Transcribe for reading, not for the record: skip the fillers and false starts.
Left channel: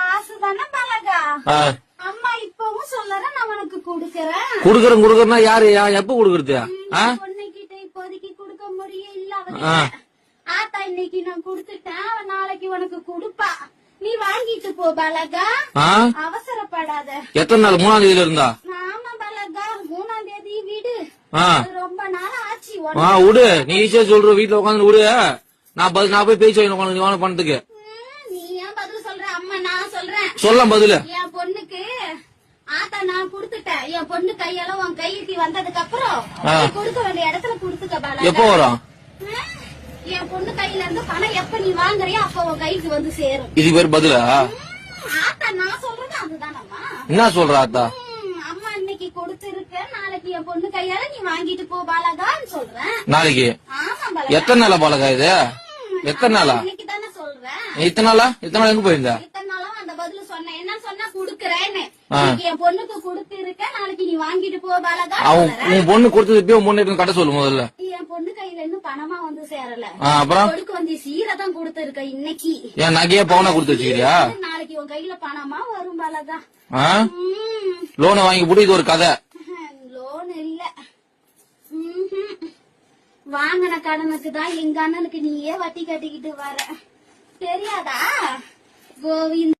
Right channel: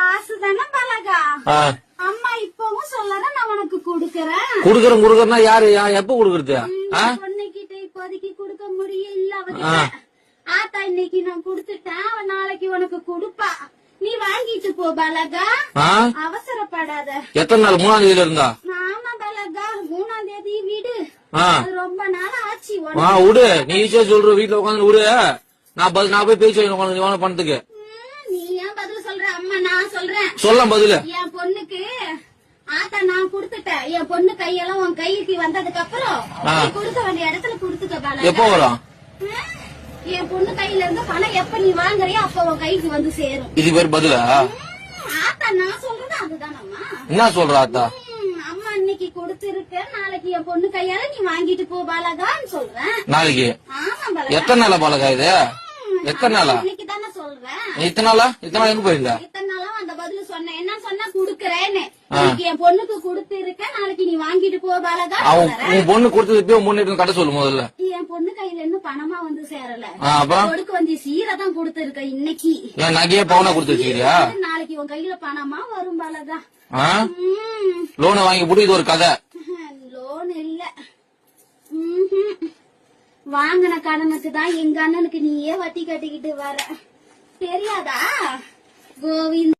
ஆசுதானே பழகா. அம்மா இப்பவும் சொல்லறேன், நான் உனக்கு குடுக்கறேன். குடுக்கறேன்னா யாரு எப்ப குடுக்கறது? பொண்ணுகிட்ட இப்போதைக்கு குடுக்க முடியல. ஆத்தா இன்னைக்கு நான் குடுத்துட்டேன், நாளைக்கு உனக்கு குடுப்பா. நீ வாங்கிட்டு போ பலகா, அவசரப்படாத. எத்தனை நாள்? 3ஆம் தேதியில இருந்தா? ஆமா பலகா, 3ஆம் தேதி விடு. ரொம்ப நாள் ஆச்சு. விடு, நீ ஈஸியா சொல்ற. வீட்டுல உட்காந்து விடு, நான் போய் பேச்சு வைக்கணும் பணத்துக்கு. நீ ஏன் பதில் சொல்ற? அம்மா நான் சொல்றேன். சொல்ல பதில். என் பொண்ணுக்கு ஆத்தா நான் குடுத்துட்டேன். என் பொண்ணு கையெல்லாம் உன் கைக்கு வந்ததுக்கு அப்புறம் கொடுக்க வேண்டிய இடத்துல குடுத்துக்க பாலா. எப்ப வரும்? என் பொண்ணு கையில இருந்து பணம் எப்ப நீ வாங்குறியோ அப்ப உன் கைக்கு வந்து சேரும். இது பேர் பதிலா? ஆத்தா நான் சொல்றது அதுதானம்மா. என்ன சொல்ற ஆத்தா? அம்மா இன்னைக்கு கொடுத்திருக்கேன், நாளைக்கு என் பொண்ணு கையால நீ வாங்கிட்டு போ பாலகான்னு சொல்றேன். நாளைக்கு? எத்தனை நாளா பாலகா இது? எத்தனை நாளா? இன்னைக்கு தானே சொல்றேன். இத்தனை நாளா எங்க போயிருந்தா? இத்தனை நாளும் அந்த பதில் சொன்னேன். என்ன சொன்னா குடுக்கறேன்னு. என் பொண்ணுக்கு கொடுத்திருக்கேன், நாளைக்கு நீ வாங்கிட்டு போ பாலகா. உன் பொண்ணு கொடுத்தது பொண்ணு கடை சொல்லு முதல்ல. என் பொண்ணு கையில இன்னும் பணமா வந்து சேரல. அப்புறம் கொடுக்க வேண்டிய சீரை தான் கொடுத்திருக்க இன்னைக்கு. என் நகையே பவுனா கொடுத்து வச்சுக்கிறியா? நாளைக்கு உன் கையில பணமா வரும் பாலகா. லோனை வாங்கி போட்டு இது ஒரு கதை. லோன் இல்ல, வாங்கின கடனுக்கு தான் எங்க அண்ணனுக்கு நீயே வட்டி கட்டிக்கிட்டு வர. தெரியாதா கோவிந்த்?